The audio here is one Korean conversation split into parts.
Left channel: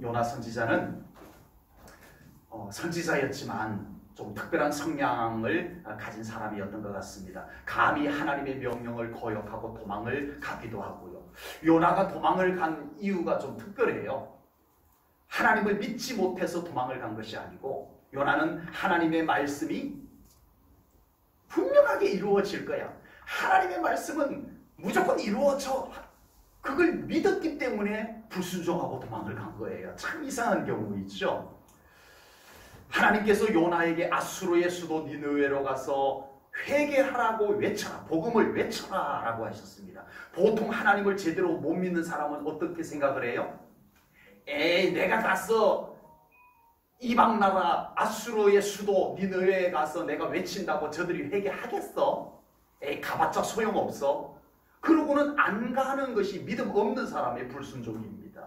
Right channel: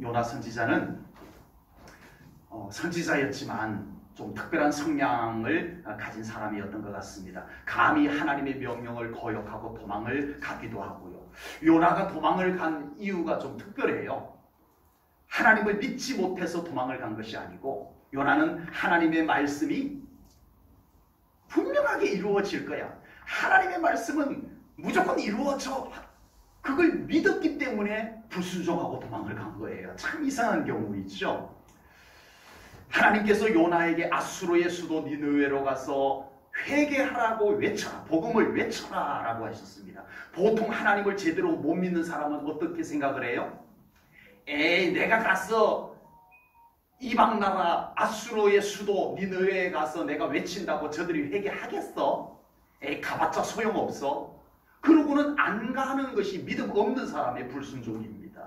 요나 선지자는 선지자였지만 좀 특별한 성향을 가진 사람이었던 것 같습니다. 감히 하나님의 명령을 거역하고 도망을 가기도 하고요. 요나가 도망을 간 이유가 좀 특별해요. 하나님을 믿지 못해서 도망을 간 것이 아니고, 요나는 하나님의 말씀이 분명하게 이루어질 거야, 하나님의 말씀은 무조건 이루어져, 그걸 믿었기 때문에 불순종하고 도망을 간 거예요. 참 이상한 경우이죠. 하나님께서 요나에게 아수르의 수도 니느웨로 가서 회개하라고 외쳐라, 복음을 외쳐라 라고 하셨습니다. 보통 하나님을 제대로 못 믿는 사람은 어떻게 생각을 해요? 에이, 내가 가서 이방 나라 아수르의 수도 니느웨에 가서 내가 외친다고 저들이 회개하겠어? 에이, 가봤자 소용없어. 그러고는 안 가는 것이 믿음 없는 사람의 불순종입니다.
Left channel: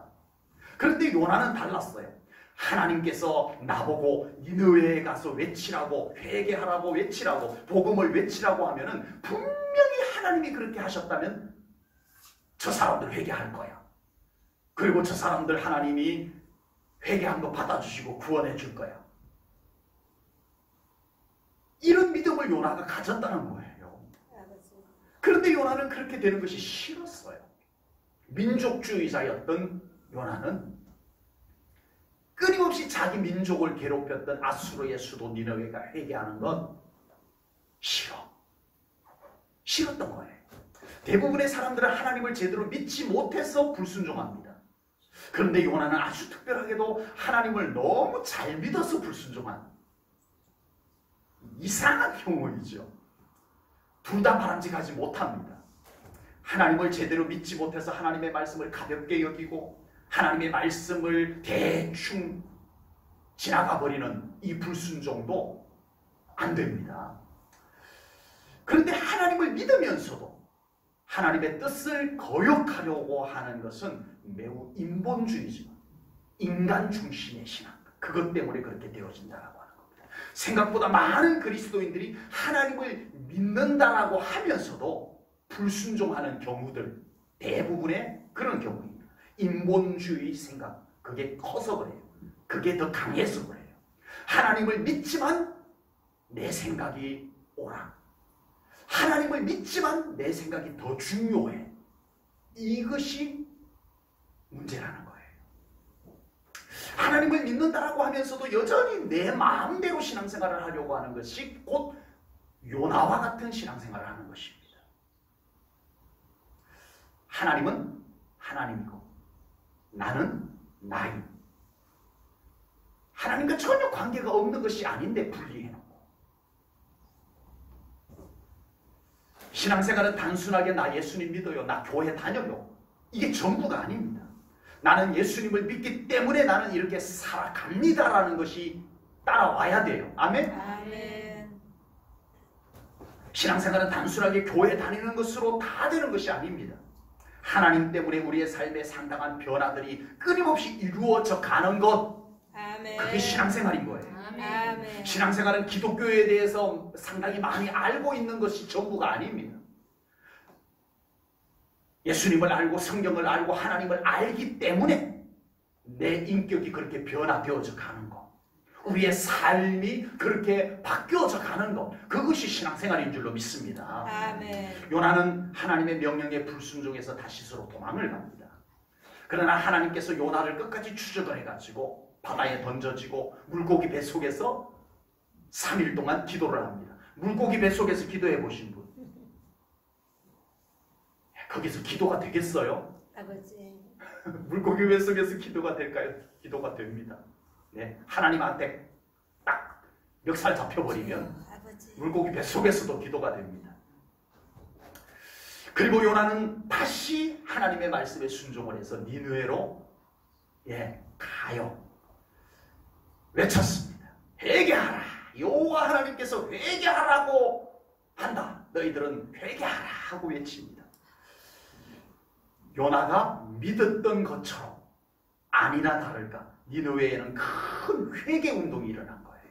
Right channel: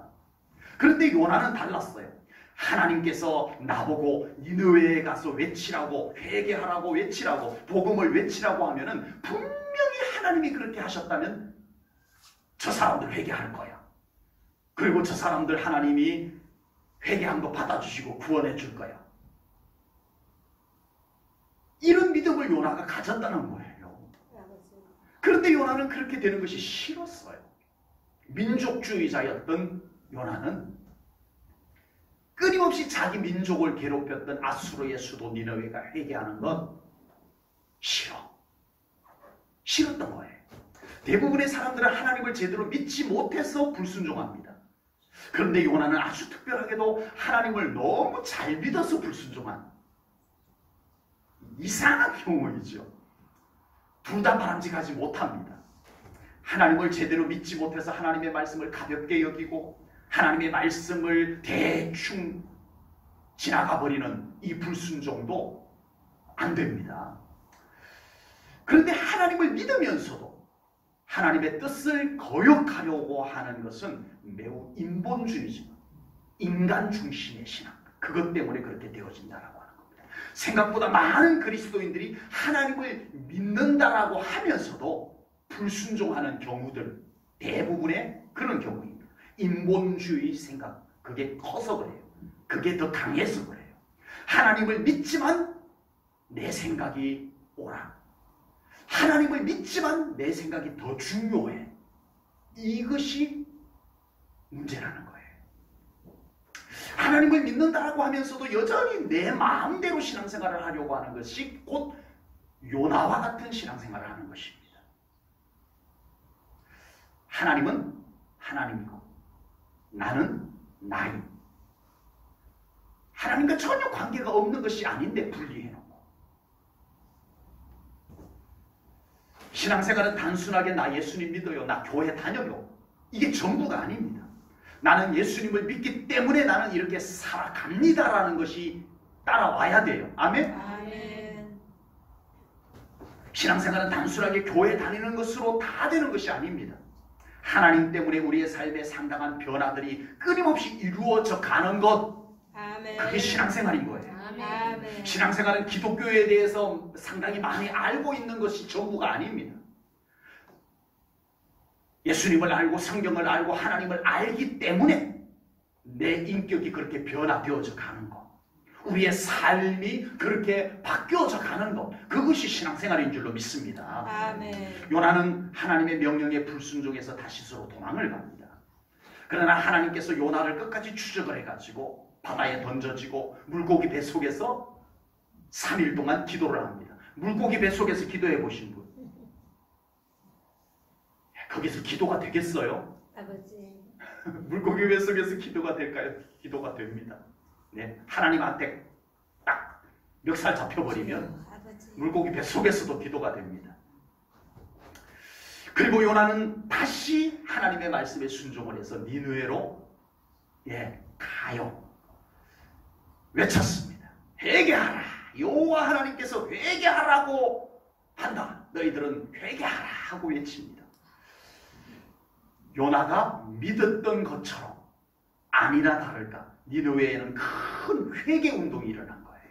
그런데 요나는 달랐어요. 하나님께서 나보고 니느웨에 가서 외치라고, 회개하라고 외치라고, 복음을 외치라고 하면은 분명히 하나님이 그렇게 하셨다면 저 사람들 회개할 거야. 그리고 저 사람들 하나님이 회개한 거 받아주시고 구원해 줄 거야. 이런 믿음을 요나가 가졌다는 거예요. 그런데 요나는 그렇게 되는 것이 싫었어요. 민족주의자였던 요나는 끊임없이 자기 민족을 괴롭혔던 아수르의 수도 니느웨가 회개하는 건 싫었던 거예요. 대부분의 사람들은 하나님을 제대로 믿지 못해서 불순종합니다. 그런데 요나는 아주 특별하게도 하나님을 너무 잘 믿어서 불순종한 이상한 경우이죠. 둘 다 바람직하지 못합니다. 하나님을 제대로 믿지 못해서 하나님의 말씀을 가볍게 여기고 하나님의 말씀을 대충 지나가버리는 이 불순종도 안 됩니다. 그런데 하나님을 믿으면서도 하나님의 뜻을 거역하려고 하는 것은 매우 인본주의죠. 인간 중심의 신앙. 그것 때문에 그렇게 되어진다라고 하는 겁니다. 생각보다 많은 그리스도인들이 하나님을 믿는다라고 하면서도 불순종하는 경우들, 대부분의 그런 경우입니다. 인본주의 생각, 그게 커서 그래요. 그게 더 강해서 그래요. 하나님을 믿지만 내 생각이 옳아. 하나님을 믿지만 내 생각이 더 중요해. 이것이 문제라는 거예요. 하나님을 믿는다라고 하면서도 여전히 내 마음대로 신앙생활을 하려고 하는 것이 곧 요나와 같은 신앙생활을 하는 것입니다. 하나님은 하나님이고 나는 나임. 하나님과 전혀 관계가 없는 것이 아닌데 분리해놓고, 신앙생활은 단순하게 나 예수님 믿어요, 나 교회 다녀요, 이게 전부가 아닙니다. 나는 예수님을 믿기 때문에 나는 이렇게 살아갑니다라는 것이 따라와야 돼요. 아멘? 아멘. 신앙생활은 단순하게 교회 다니는 것으로 다 되는 것이 아닙니다. 하나님 때문에 우리의 삶에 상당한 변화들이 끊임없이 이루어져 가는 것, 아멘. 그게 신앙생활인 거예요. 아멘. 신앙생활은 기독교에 대해서 상당히 많이 알고 있는 것이 전부가 아닙니다. 예수님을 알고 성경을 알고 하나님을 알기 때문에 내 인격이 그렇게 변화되어져 가는 것, 우리의 삶이 그렇게 바뀌어져 가는 것, 그것이 신앙생활인 줄로 믿습니다. 아멘. 요나는 하나님의 명령에 불순종해서 다시스로 도망을 갑니다. 그러나 하나님께서 요나를 끝까지 추적을 해가지고 바다에 던져지고 물고기 뱃속에서 3일 동안 기도를 합니다. 물고기 뱃속에서 기도해 보신 분, 거기서 기도가 되겠어요? 아버지. 물고기 뱃속에서 기도가 될까요? 기도가 됩니다. 네, 하나님한테 딱 멱살 잡혀버리면 아버지. 물고기 뱃속에서도 기도가 됩니다. 그리고 요나는 다시 하나님의 말씀에 순종을 해서 니느웨로 가요. 외쳤습니다. 회개하라. 여호와 하나님께서 회개하라고 한다. 너희들은 회개하라 하고 외칩니다. 요나가 믿었던 것처럼 아니나 다를까 니느웨에는 큰 회개 운동이 일어난 거예요.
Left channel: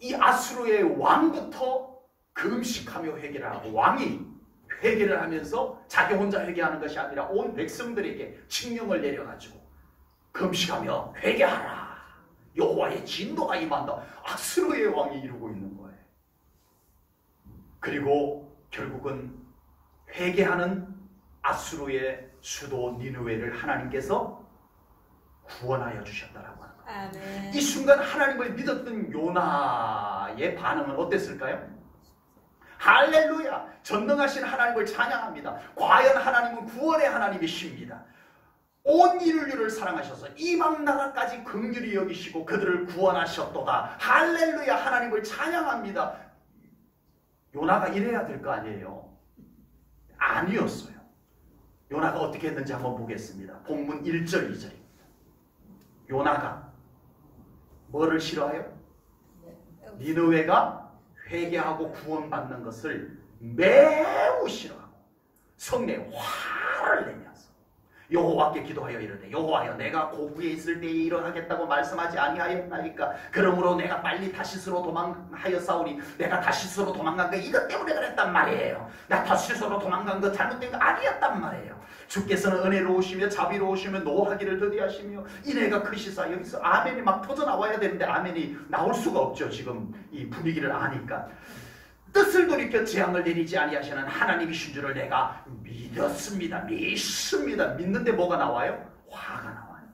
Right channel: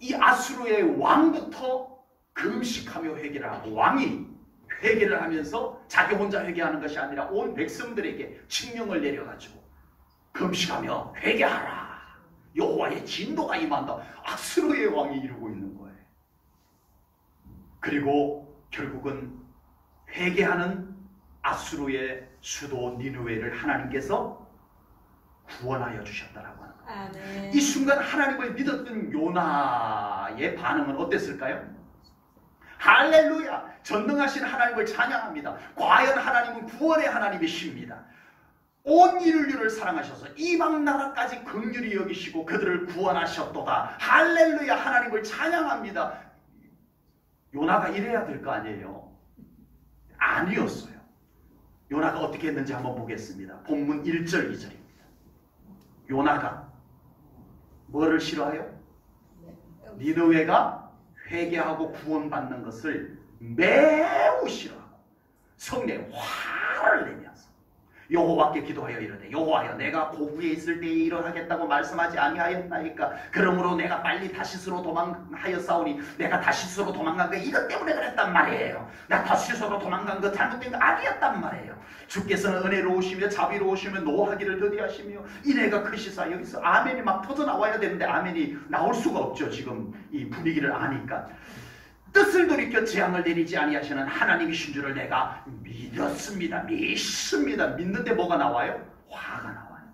이 아수르의 왕부터 금식하며 회개를 하고, 왕이 회개를 하면서 자기 혼자 회개하는 것이 아니라 온 백성들에게 칙령을 내려가지고 금식하며 회개하라. 여호와의 진노가 임한다. 아수르의 왕이 이루고 있는 거예요. 그리고 결국은 회개하는 아수르의 수도 니느웨를 하나님께서 구원하여 주셨다라고 합니다. 아멘. 이 순간 하나님을 믿었던 요나의 반응은 어땠을까요? 할렐루야! 전능하신 하나님을 찬양합니다. 과연 하나님은 구원의 하나님이십니다. 온 인류를 사랑하셔서 이방 나라까지 긍휼히 여기시고 그들을 구원하셨도다. 할렐루야! 하나님을 찬양합니다. 요나가 이래야 될 거 아니에요? 아니었어요. 요나가 어떻게 했는지 한번 보겠습니다. 본문 1절 2절입니다. 요나가 뭐를 싫어해요? 니느웨가 회개하고 구원받는 것을 매우 싫어하고 성내에 화를 내면서 여호와께 기도하여 이르되 여호와여 내가 고국에 있을 때에 이러하겠다고 말씀하지 아니하였나이까. 그러므로 내가 빨리 다시스로 도망하였사오니 내가 다시스로 도망간 게 이것 때문에 그랬단 말이에요. 내가 다시스로 도망간 거 잘못된 거 아니었단 말이에요. 주께서는 은혜로우시며 자비로우시며 노하기를 더디하시며 인애가 크시사. 여기서 아멘이 막 터져 나와야 되는데 아멘이 나올 수가 없죠. 지금 이 분위기를 아니까. 뜻을 돌이켜 재앙을 내리지 아니하시는 하나님이신 줄을 내가 믿었습니다. 믿습니다. 믿는데 뭐가 나와요? 화가 나와요.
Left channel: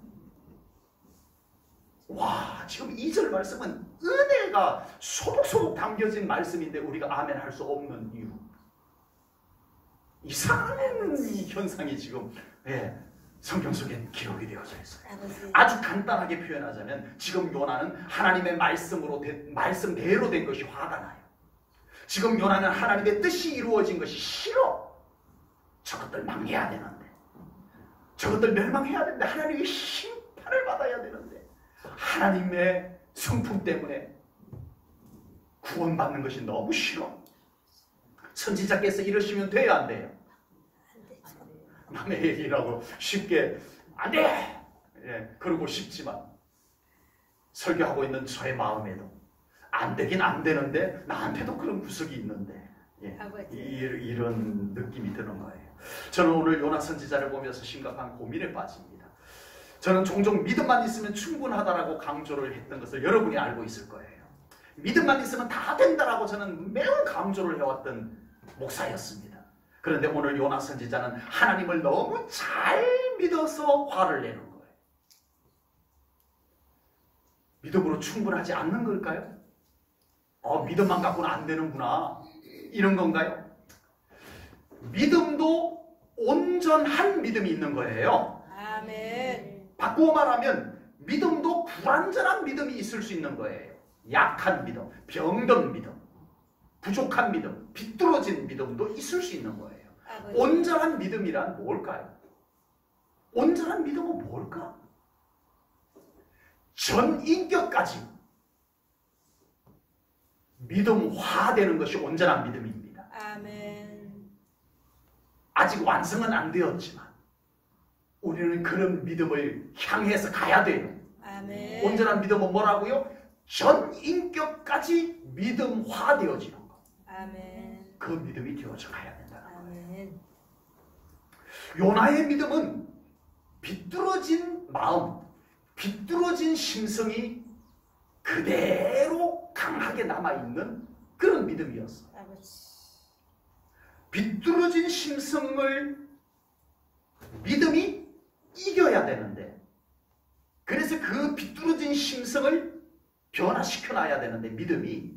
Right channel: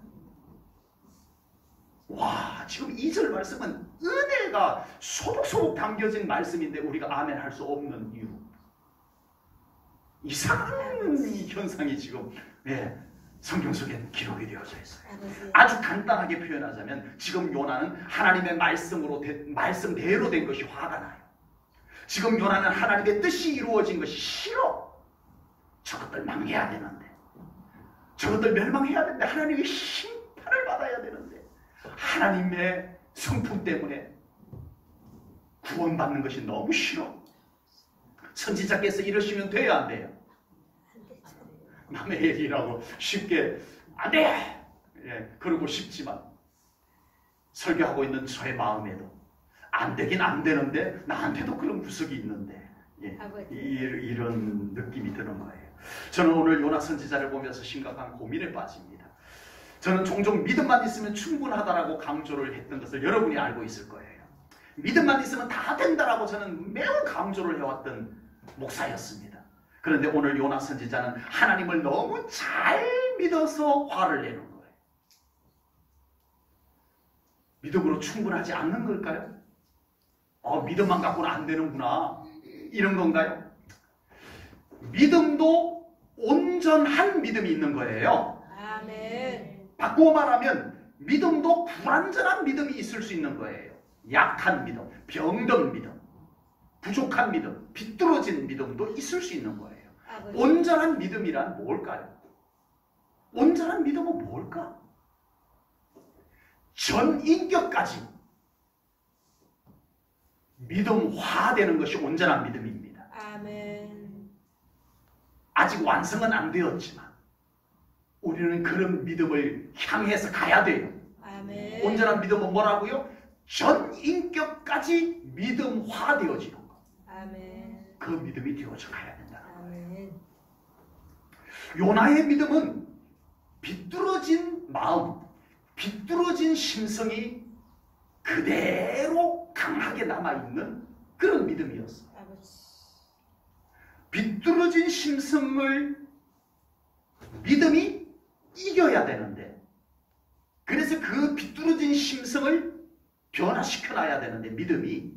와, 지금 2절 말씀은 은혜가 소복소복 담겨진 말씀인데 우리가 아멘 할 수 없는 이유. 이상한 이 현상이 지금 성경 속에 기록이 되어져 있어요. 아주 간단하게 표현하자면 지금 요나는 하나님의 말씀대로 된 것이 화가 나요. 지금 요나는 하나님의 뜻이 이루어진 것이 싫어. 저것들 망해야 되는데, 저것들 멸망해야 되는데, 하나님의 심판을 받아야 되는데, 하나님의 성품 때문에 구원받는 것이 너무 싫어. 선지자께서 이러시면 돼야 안 돼요? 남의 얘기라고 쉽게 안 돼! 그러고 싶지만 설교하고 있는 저의 마음에도 안 되긴 안 되는데 나한테도 그런 구석이 있는데 이런 느낌이 드는 거예요. 저는 오늘 요나 선지자를 보면서 심각한 고민에 빠집니다. 저는 종종 믿음만 있으면 충분하다라고 강조를 했던 것을 여러분이 알고 있을 거예요. 믿음만 있으면 다 된다라고 저는 매우 강조를 해왔던 목사였습니다. 그런데 오늘 요나 선지자는 하나님을 너무 잘 믿어서 화를 내는 거예요. 믿음으로 충분하지 않는 걸까요? 믿음만 갖고는 안 되는구나. 이런 건가요? 믿음도 온전한 믿음이 있는 거예요. 아멘. 바꾸어 말하면 믿음도 불완전한 믿음이 있을 수 있는 거예요. 약한 믿음, 병든 믿음, 부족한 믿음, 비뚤어진 믿음도 있을 수 있는 거예요. 온전한 믿음이란 뭘까요? 온전한 믿음은 뭘까? 전 인격까지 믿음화되는 것이 온전한 믿음입니다. 아멘. 아직 완성은 안 되었지만 우리는 그런 믿음을 향해서 가야 돼요. 아멘. 온전한 믿음은 뭐라고요? 전 인격까지 믿음화되어지는 것. 아멘. 그 믿음이 되어져 가야 된다. 아멘. 요나의 믿음은 비뚤어진 마음, 비뚤어진 심성이 그대로 강하게 남아있는 그런 믿음이었어요. 비뚤어진 심성을 믿음이 이겨야 되는데, 그래서 그 비뚤어진 심성을 변화시켜놔야 되는데 믿음이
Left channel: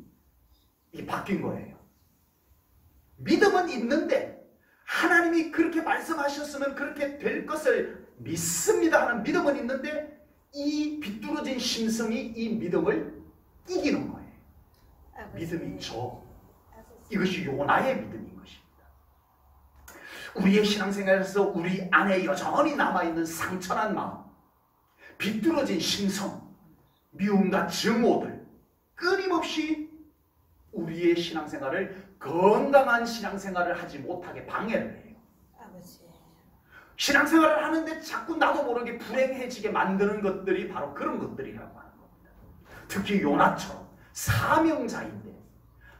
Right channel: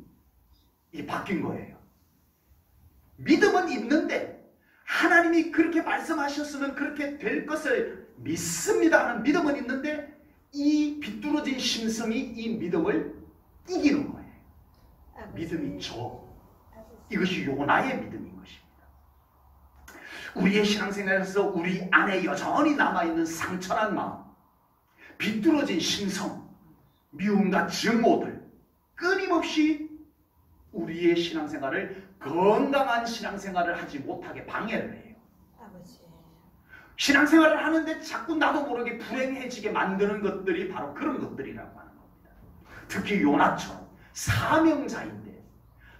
바뀐 거예요. 믿음은 있는데 하나님이 그렇게 말씀하셨으면 그렇게 될 것을 믿습니다 하는 믿음은 있는데 이 비뚤어진 심성이 이 믿음을 이기는 거예요. 믿음이 이것이 요나의 믿음인 것입니다. 우리의 신앙생활에서 우리 안에 여전히 남아있는 상처난 마음, 비뚤어진 심성, 미움과 증오들 끊임없이 우리의 신앙생활을 건강한 신앙생활을 하지 못하게 방해를 해요. 신앙생활을 하는데 자꾸 나도 모르게 불행해지게 만드는 것들이 바로 그런 것들이라고 하는 겁니다. 특히 요나처럼 사명자인데,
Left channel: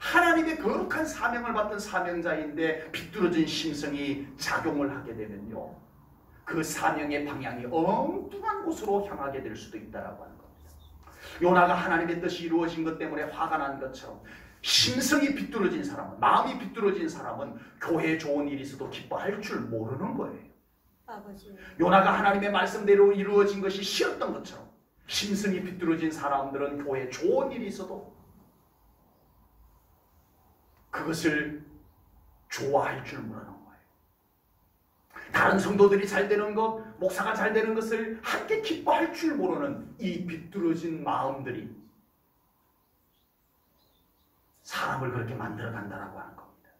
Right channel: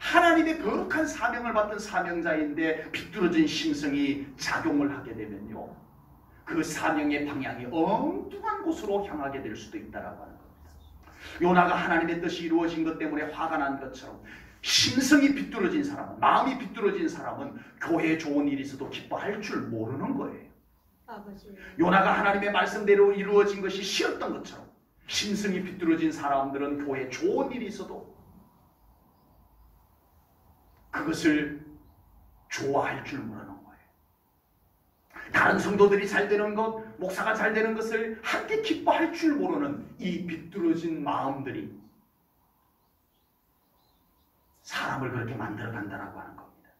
하나님의 거룩한 사명을 받은 사명자인데 비뚤어진 심성이 작용을 하게 되면요, 그 사명의 방향이 엉뚱한 곳으로 향하게 될 수도 있다라고 하는 겁니다. 요나가 하나님의 뜻이 이루어진 것 때문에 화가 난 것처럼 심성이 비뚤어진 사람, 마음이 비뚤어진 사람은 교회에 좋은 일이 있어도 기뻐할 줄 모르는 거예요. 아버지. 요나가 하나님의 말씀대로 이루어진 것이 싫었던 것처럼 심성이 비뚤어진 사람들은 교회에 좋은 일이 있어도 그것을 좋아할 줄 모르는 거예요. 다른 성도들이 잘 되는 것, 목사가 잘 되는 것을 함께 기뻐할 줄 모르는 이 비뚤어진 마음들이 사람을 그렇게 만들어간다고 하는 겁니다.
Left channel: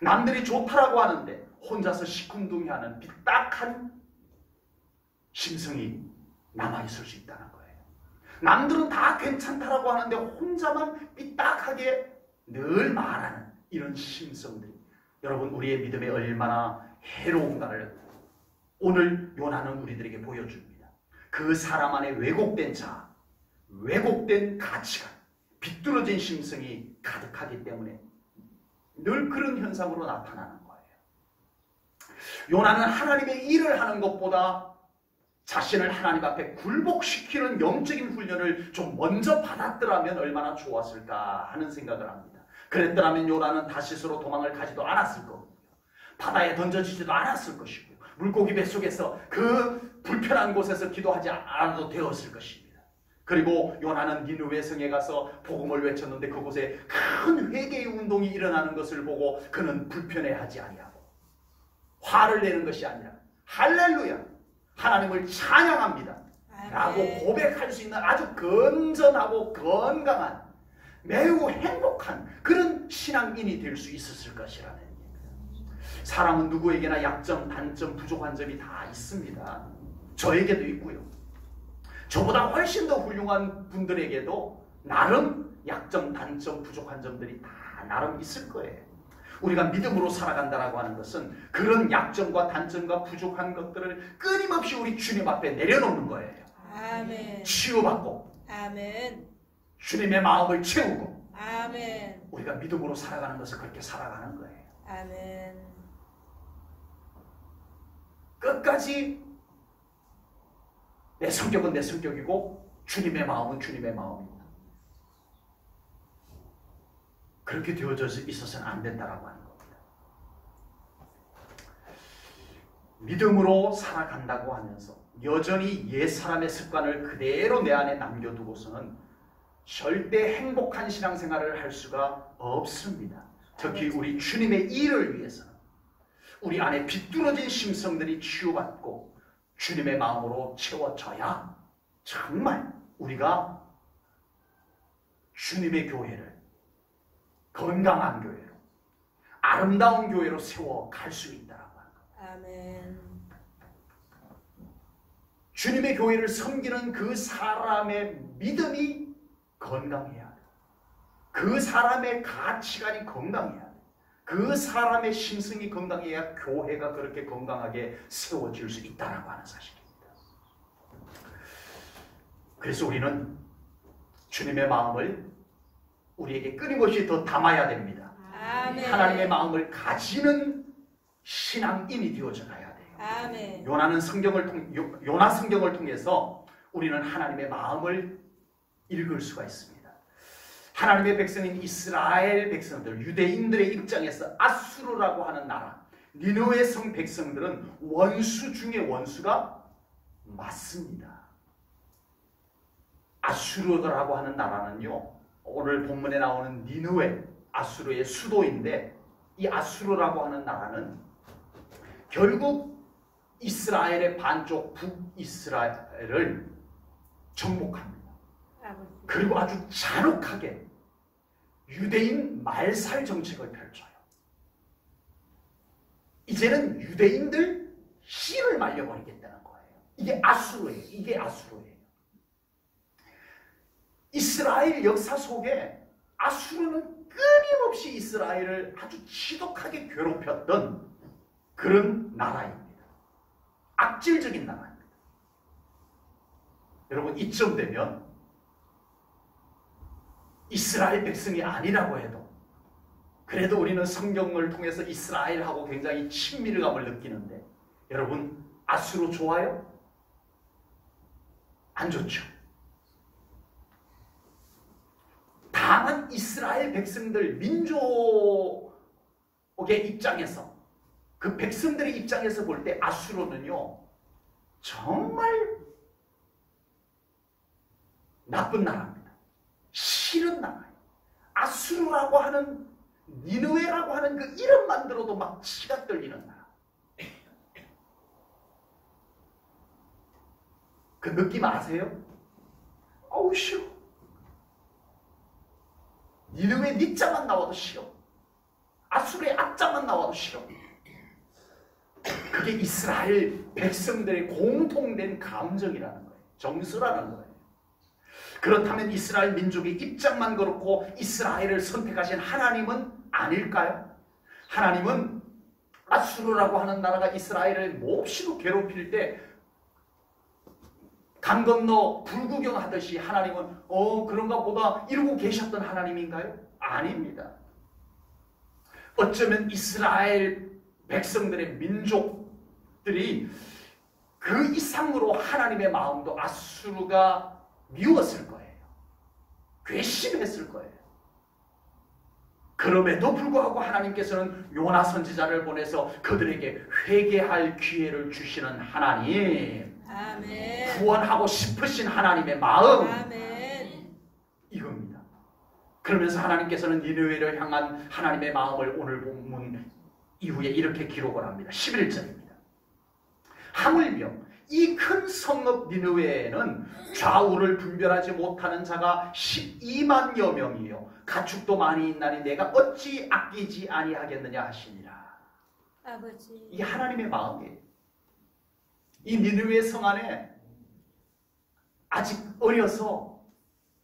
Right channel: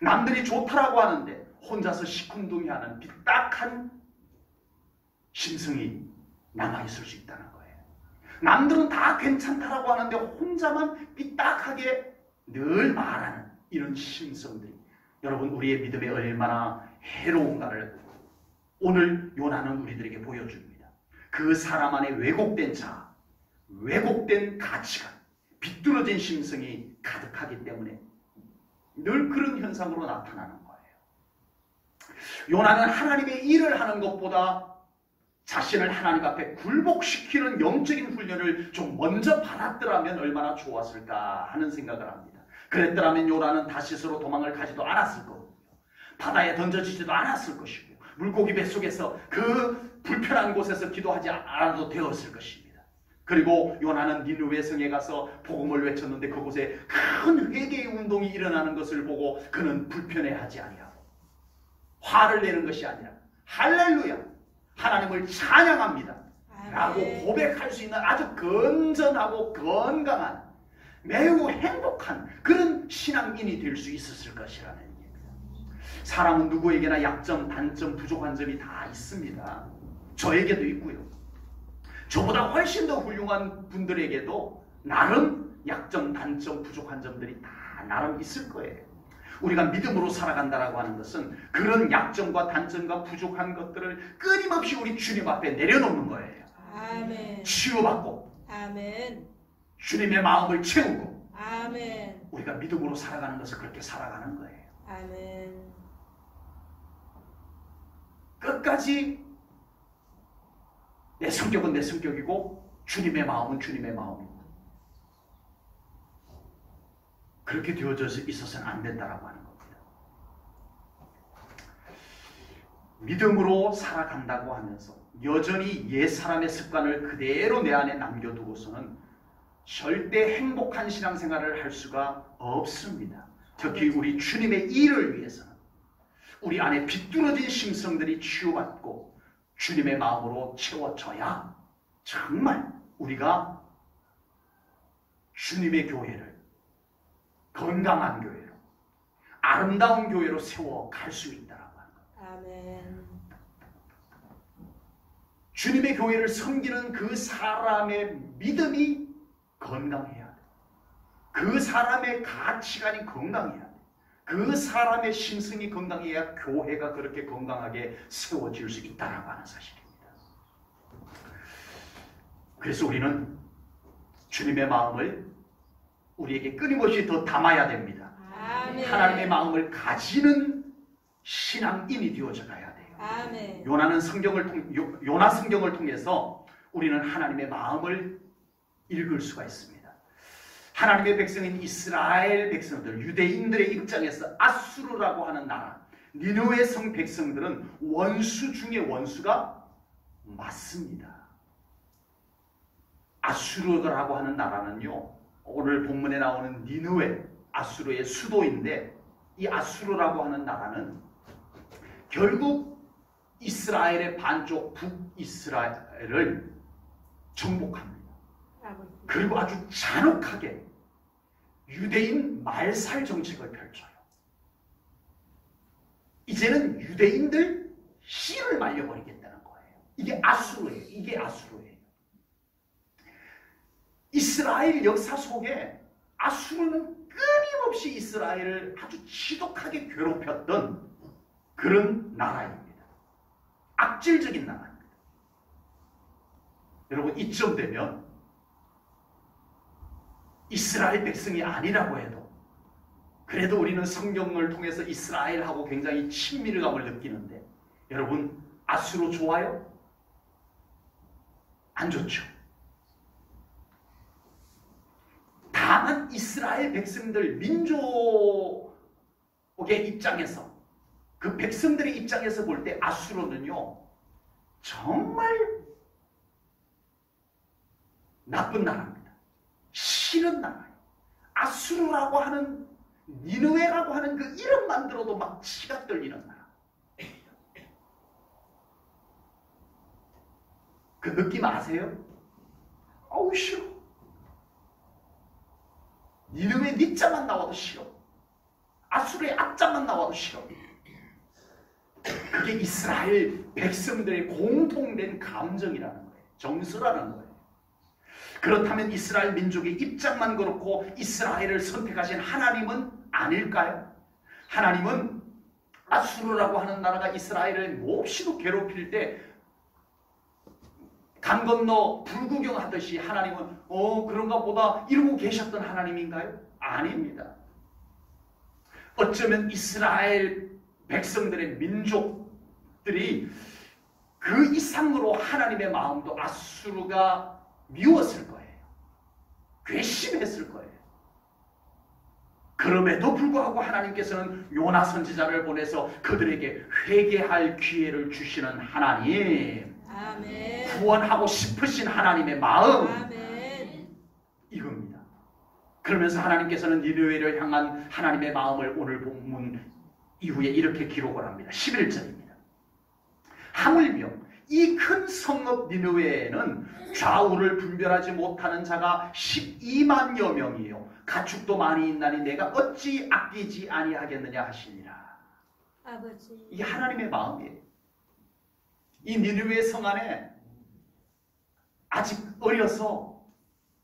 남들이 좋다라고 하는데 혼자서 시큰둥이하는 삐딱한 심성이 남아있을 수 있다는 거예요. 남들은 다 괜찮다라고 하는데 혼자만 삐딱하게 늘 말하는 이런 심성들이 여러분 우리의 믿음에 얼마나 해로운가를 오늘 요나는 우리들에게 보여줍니다. 그 사람 안에 왜곡된 자아, 왜곡된 가치관, 비뚤어진 심성이 가득하기 때문에 늘 그런 현상으로 나타나는 거예요. 요나는 하나님의 일을 하는 것보다 자신을 하나님 앞에 굴복시키는 영적인 훈련을 좀 먼저 받았더라면 얼마나 좋았을까 하는 생각을 합니다. 그랬더라면 요나는 다시스로 도망을 가지도 않았을 거고요. 바다에 던져지지도 않았을 것이고요. 물고기 뱃속에서 그 불편한 곳에서 기도하지 않아도 되었을 것입니다. 그리고 요나는 니느웨 성에 가서 복음을 외쳤는데 그곳에 큰 회개의 운동이 일어나는 것을 보고 그는 불편해하지 아니하고 화를 내는 것이 아니라 할렐루야 하나님을 찬양합니다 라고 고백할 수 있는 아주 건전하고 건강한 매우 행복한 그런 신앙인이 될 수 있었을 것이라는 얘기입니다. 사람은 누구에게나 약점, 단점, 부족한 점이 다 있습니다. 저에게도 있고요. 저보다 훨씬 더 훌륭한 분들에게도 나름 약점, 단점, 부족한 점들이 다 나름 있을 거예요. 우리가 믿음으로 살아간다라고 하는 것은 그런 약점과 단점과 부족한 것들을 끊임없이 우리 주님 앞에 내려놓는 거예요. 아멘. 치유받고 아멘. 주님의 마음을 채우고 아멘. 우리가 믿음으로 살아가는 것을 그렇게 살아가는 거예요. 아멘. 끝까지 내 성격은 내 성격이고 주님의 마음은 주님의 마음이고 그렇게 되어져 있어서는 안 된다라고 하는 겁니다. 믿음으로 살아간다고 하면서 여전히 옛사람의 습관을 그대로 내 안에 남겨두고서는 절대 행복한 신앙생활을 할 수가 없습니다. 특히 우리 주님의 일을 위해서는 우리 안에 비뚤어진 심성들이 치유받고 주님의 마음으로 채워져야 정말 우리가 주님의 교회를 건강한 교회로 아름다운 교회로 세워갈 수 있다라고 합니다. 아멘. 주님의 교회를 섬기는 그 사람의 믿음이 건강해야 돼. 그 사람의 가치관이 건강해야 돼. 그 사람의 심성이 건강해야 교회가 그렇게 건강하게 세워질 수 있다라고 하는 사실입니다. 그래서 우리는 주님의 마음을 우리에게 끊임없이 더 담아야 됩니다. 아멘. 하나님의 마음을 가지는 신앙인이 되어져 가야 돼요. 아멘. 요나 성경을 통해서 우리는 하나님의 마음을 읽을 수가 있습니다. 하나님의 백성인 이스라엘 백성들, 유대인들의 입장에서 아수르라고 하는 나라, 니느웨 성 백성들은 원수 중에 원수가 맞습니다. 아수르라고 하는 나라는요, 오늘 본문에 나오는 니느웨, 아수르의 수도인데 이 아수르라고 하는 나라는 결국 이스라엘의 반쪽 북이스라엘을 정복합니다. 그리고 아주 잔혹하게 유대인 말살 정책을 펼쳐요. 이제는 유대인들 씨를 말려버리겠다는 거예요. 이게 아수르예요. 이게 아수르예요. 이스라엘 역사 속에 아수르는 끊임없이 이스라엘을 아주 지독하게 괴롭혔던 그런 나라입니다. 악질적인 나라입니다. 여러분 이쯤 되면 이스라엘 백성이 아니라고 해도 그래도 우리는 성경을 통해서 이스라엘하고 굉장히 친밀감을 느끼는데 여러분 아수르 좋아요? 안 좋죠. 다만 이스라엘 백성들 민족의 입장에서 그 백성들의 입장에서 볼 때 아수르는요 정말 나쁜 나라입니다. 싫은 나라예요. 아수르라고 하는 니느웨라고 하는 그 이름만 들어도 막 치가 떨리는 나라. 그 느낌 아세요? 어우 싫어. 니느웨 니자만 나와도 싫어. 아수르의 아자만 나와도 싫어. 그게 이스라엘 백성들의 공통된 감정이라는 거예요. 정서라는 거예요. 그렇다면 이스라엘 민족의 입장만 그렇고 이스라엘을 선택하신 하나님은 아닐까요? 하나님은 아수르라고 하는 나라가 이스라엘을 몹시도 괴롭힐 때 강 건너 불구경하듯이 하나님은 그런가 보다 이러고 계셨던 하나님인가요? 아닙니다. 어쩌면 이스라엘 백성들의 민족들이 그 이상으로 하나님의 마음도 아수르가 미웠을 거예요. 괘씸했을 거예요. 그럼에도 불구하고 하나님께서는 요나 선지자를 보내서 그들에게 회개할 기회를 주시는 하나님, 아멘. 구원하고 싶으신 하나님의 마음, 아멘. 이겁니다. 그러면서 하나님께서는 니느웨를 향한 하나님의 마음을 오늘 본문 이후에 이렇게 기록을 합니다. 11절입니다. 하물며 이 큰 성읍 니느웨에는 좌우를 분별하지 못하는 자가 12만여 명이요 가축도 많이 있나니 내가 어찌 아끼지 아니하겠느냐 하시니라. 아버지. 이게 하나님의 마음이에요. 이 니느웨 성 안에 아직 어려서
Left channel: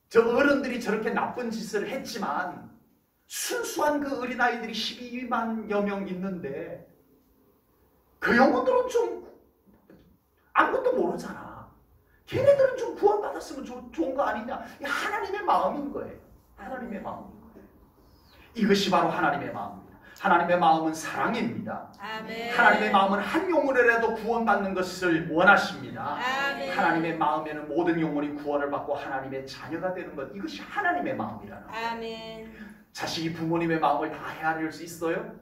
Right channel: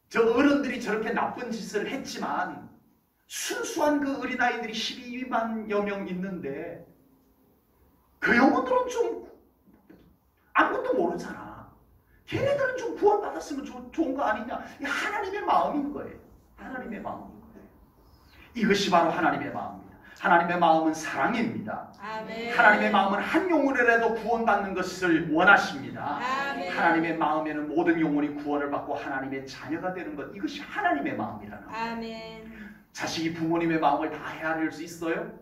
저 어른들이 저렇게 나쁜 짓을 했지만 순수한 그 어린아이들이 12만여 명 있는데 그 영혼들은 좀 아무것도 모르잖아. 걔네들은 좀 구원받았으면 좋은 거 아니냐. 이 하나님의 마음인 거예요. 하나님의 마음인 거예요. 이것이 바로 하나님의 마음입니다. 하나님의 마음은 사랑입니다. 아멘. 하나님의 마음은 한 영혼이라도 구원받는 것을 원하십니다. 아멘. 하나님의 마음에는 모든 영혼이 구원을 받고 하나님의 자녀가 되는 것, 이것이 하나님의 마음이라는 거예요. 아멘. 자식이 부모님의 마음을 다 헤아릴 수 있어요?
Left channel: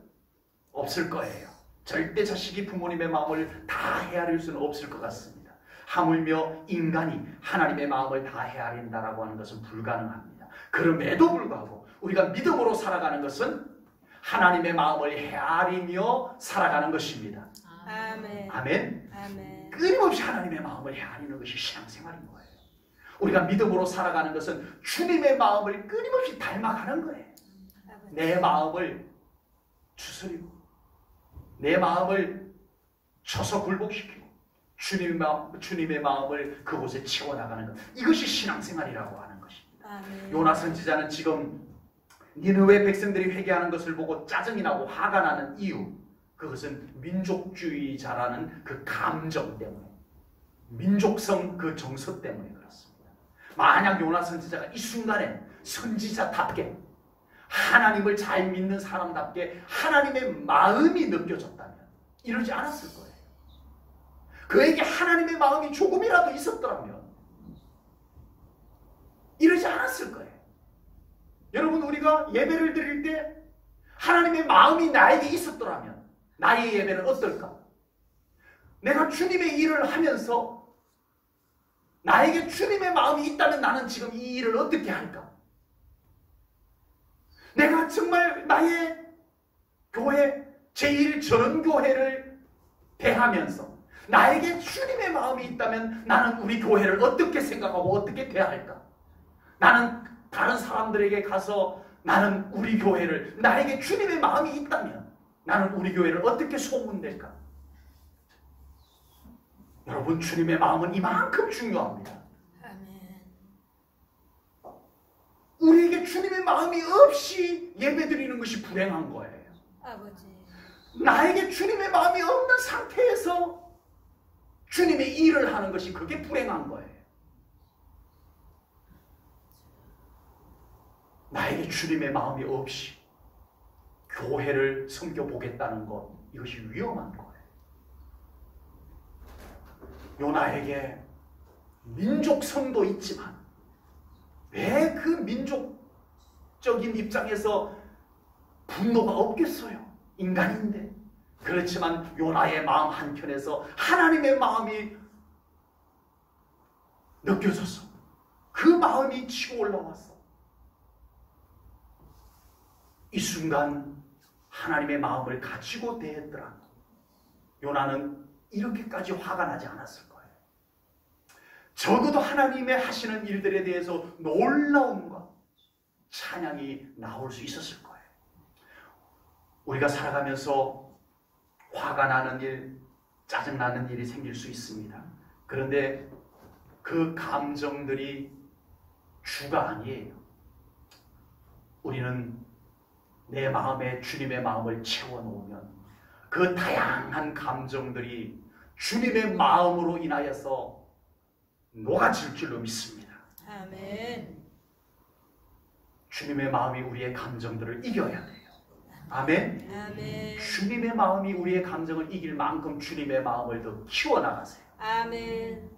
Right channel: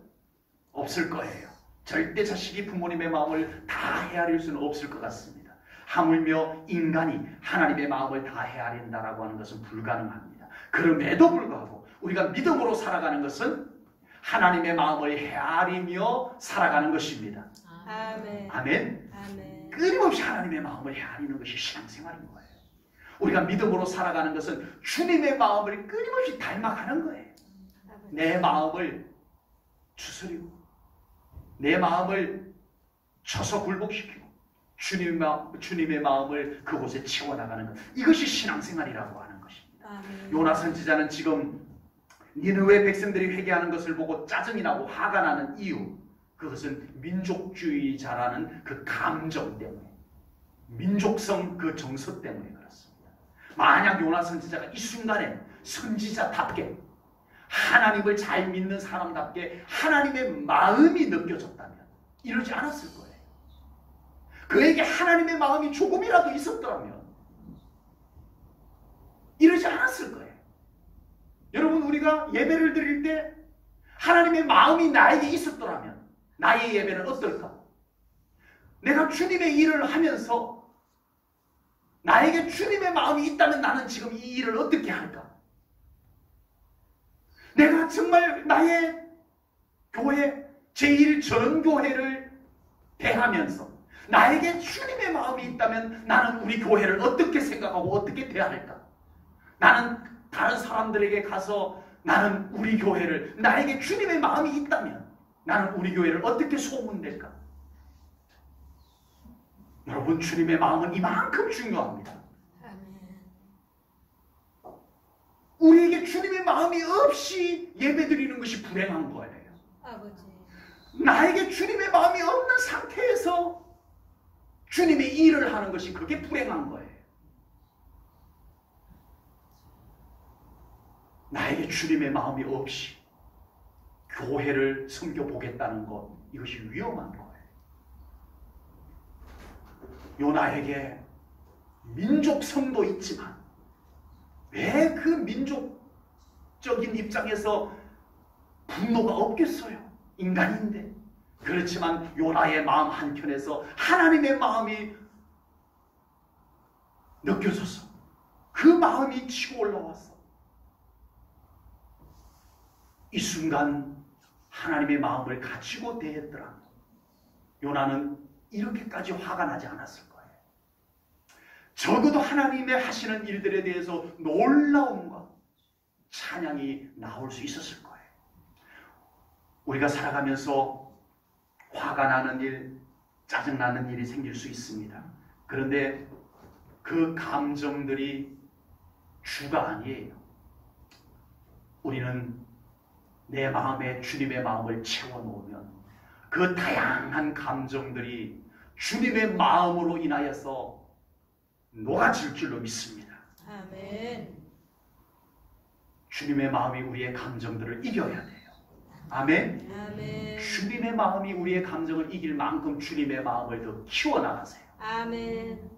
없을 거예요. 절대 자식이 부모님의 마음을 다 헤아릴 수는 없을 것 같습니다. 하물며 인간이 하나님의 마음을 다 헤아린다라고 하는 것은 불가능합니다. 그럼에도 불구하고 우리가 믿음으로 살아가는 것은 하나님의 마음을 헤아리며 살아가는 것입니다. 아멘. 아멘. 아멘. 끊임없이 하나님의 마음을 헤아리는 것이 신앙생활인 거예요. 우리가 믿음으로 살아가는 것은 주님의 마음을 끊임없이 닮아가는 거예요. 내 마음을 추스리고 내 마음을 쳐서 굴복시키고 주님의 마음을 그곳에 채워나가는 것, 이것이 신앙생활이라고 하는 것입니다. 아멘. 요나 선지자는 지금 니느웨 백성들이 회개하는 것을 보고 짜증이 나고 화가 나는 이유, 그것은 민족주의자라는 그 감정 때문에, 민족성 그 정서 때문에 그렇습니다. 만약 요나 선지자가 이 순간에 선지자답게 하나님을 잘 믿는 사람답게 하나님의 마음이 느껴졌다면 이러지 않았을 거예요. 그에게 하나님의 마음이 조금이라도 있었더라면 이러지 않았을 거예요. 여러분, 우리가 예배를 드릴 때 하나님의 마음이 나에게 있었더라면 나의 예배는 어떨까? 내가 주님의 일을 하면서 나에게 주님의 마음이 있다면 나는 지금 이 일을 어떻게 할까? 내가 정말 나의 교회, 제1전교회를 대하면서 나에게 주님의 마음이 있다면 나는 우리 교회를 어떻게 생각하고 어떻게 대할까? 나는 다른 사람들에게 가서 나는 우리 교회를, 나에게 주님의 마음이 있다면 나는 우리 교회를 어떻게 소문낼까? 여러분, 주님의 마음은 이만큼 중요합니다. 우리에게 주님의 마음이 없이 예배드리는 것이 불행한 거예요. 아버지. 나에게 주님의 마음이 없는 상태에서 주님의 일을 하는 것이 그게 불행한 거예요. 나에게 주님의 마음이 없이 교회를 섬겨보겠다는 것, 이것이 위험한 거예요. 요나에게 민족성도 있지만 왜 그 민족적인 입장에서 분노가 없겠어요? 인간인데. 그렇지만 요나의 마음 한켠에서 하나님의 마음이 느껴졌어. 그 마음이 치고 올라왔어. 이 순간 하나님의 마음을 가지고 대했더라. 요나는 이렇게까지 화가 나지 않았을 거예요. 적어도 하나님의 하시는 일들에 대해서 놀라움과 찬양이 나올 수 있었을 거예요. 우리가 살아가면서 화가 나는 일, 짜증나는 일이 생길 수 있습니다. 그런데 그 감정들이 주가 아니에요. 우리는 내 마음에 주님의 마음을 채워놓으면 그 다양한 감정들이 주님의 마음으로 인하여서 녹아질 줄로 믿습니다. 아멘. 주님의 마음이 우리의 감정들을 이겨야 돼요. 아멘. 아멘. 주님의 마음이 우리의 감정을 이길 만큼 주님의 마음을 더 키워나가세요. 아멘.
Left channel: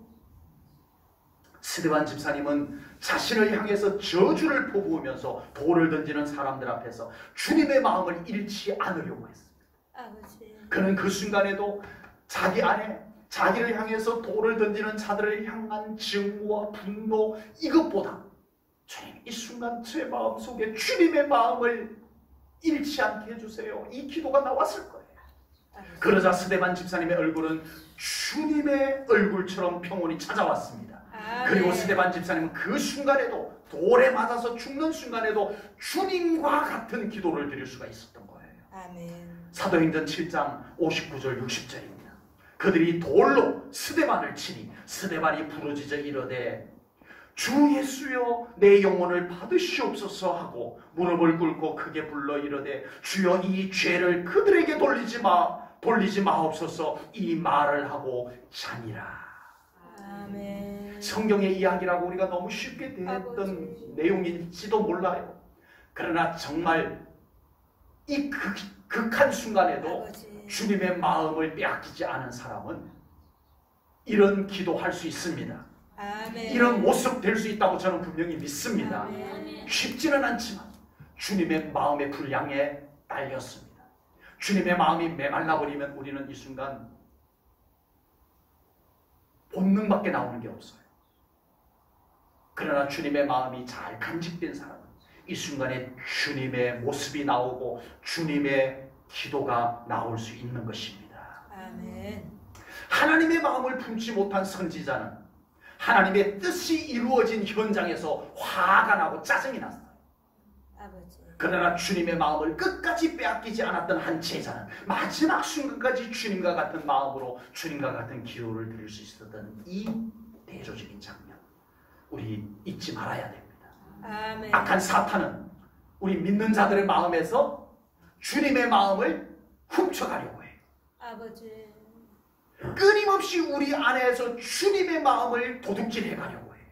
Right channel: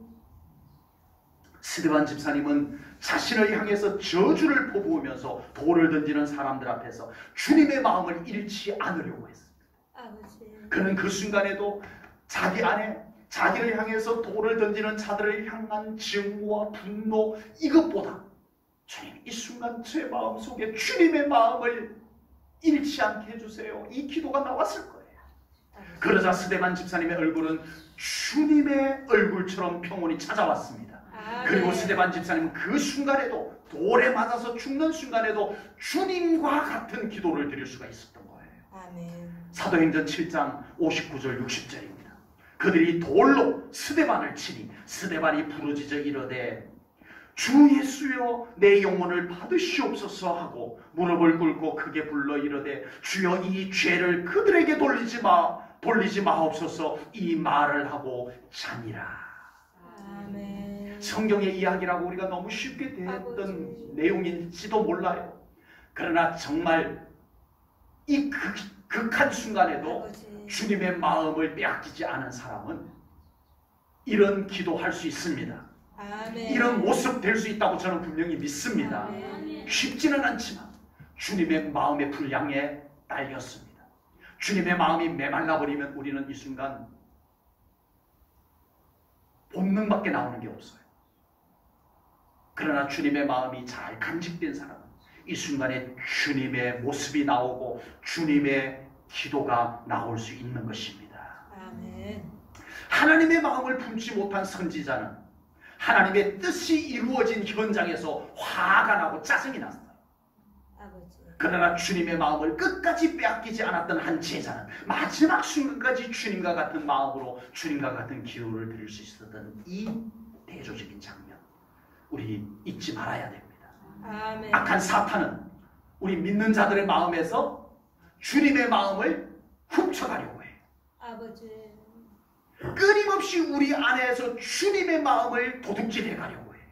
스데반 집사님은 자신을 향해서 저주를 퍼부으면서 돌을 던지는 사람들 앞에서 주님의 마음을 잃지 않으려고 했습니다. 아버지. 그는 그 순간에도 자기 안에 자기를 향해서 돌을 던지는 자들을 향한 증오와 분노, 이것보다 주님, 이 순간 제 마음속에 주님의 마음을 잃지 않게 해주세요. 이 기도가 나왔을 거예요. 아버지. 그러자 스데반 집사님의 얼굴은 주님의 얼굴처럼 평온이 찾아왔습니다. 아멘. 그리고 스데반 집사님은 그 순간에도 돌에 맞아서 죽는 순간에도 주님과 같은 기도를 드릴 수가 있었던 거예요. 아멘. 사도행전 7장 59절 60절입니다. 그들이 돌로 스데반을 치니 스데반이 부르짖어 이르되 주 예수여 내 영혼을 받으시옵소서 하고 무릎을 꿇고 크게 불러 이르되 주여 이 죄를 그들에게 돌리지 마옵소서 이 말을 하고 자니라. 아멘. 성경의 이야기라고 우리가 너무 쉽게 대했던 내용일지도 몰라요. 그러나 정말 이 극한 순간에도 아버지. 주님의 마음을 빼앗기지 않은 사람은 이런 기도할 수 있습니다. 아멘. 이런 모습 될 수 있다고 저는 분명히 믿습니다. 아멘. 쉽지는 않지만 주님의 마음의 분량에 딸렸습니다. 주님의 마음이 메말라버리면 우리는 이 순간 본능밖에 나오는 게 없어요. 그러나 주님의 마음이 잘 간직된 사람은 이 순간에 주님의 모습이 나오고 주님의 기도가 나올 수 있는 것입니다. 아멘. 하나님의 마음을 품지 못한 선지자는 하나님의 뜻이 이루어진 현장에서 화가 나고 짜증이 났어요. 아버지. 그러나 주님의 마음을 끝까지 빼앗기지 않았던 한 제자는 마지막 순간까지 주님과 같은 마음으로 주님과 같은 기도를 드릴 수 있었던 이 대조적인 장면, 우리 잊지 말아야 됩니다. 아멘. 악한 사탄은 우리 믿는 자들의 마음에서 주님의 마음을 훔쳐가려고 해요. 아버지. 끊임없이 우리 안에서 주님의 마음을 도둑질해 가려고 해요.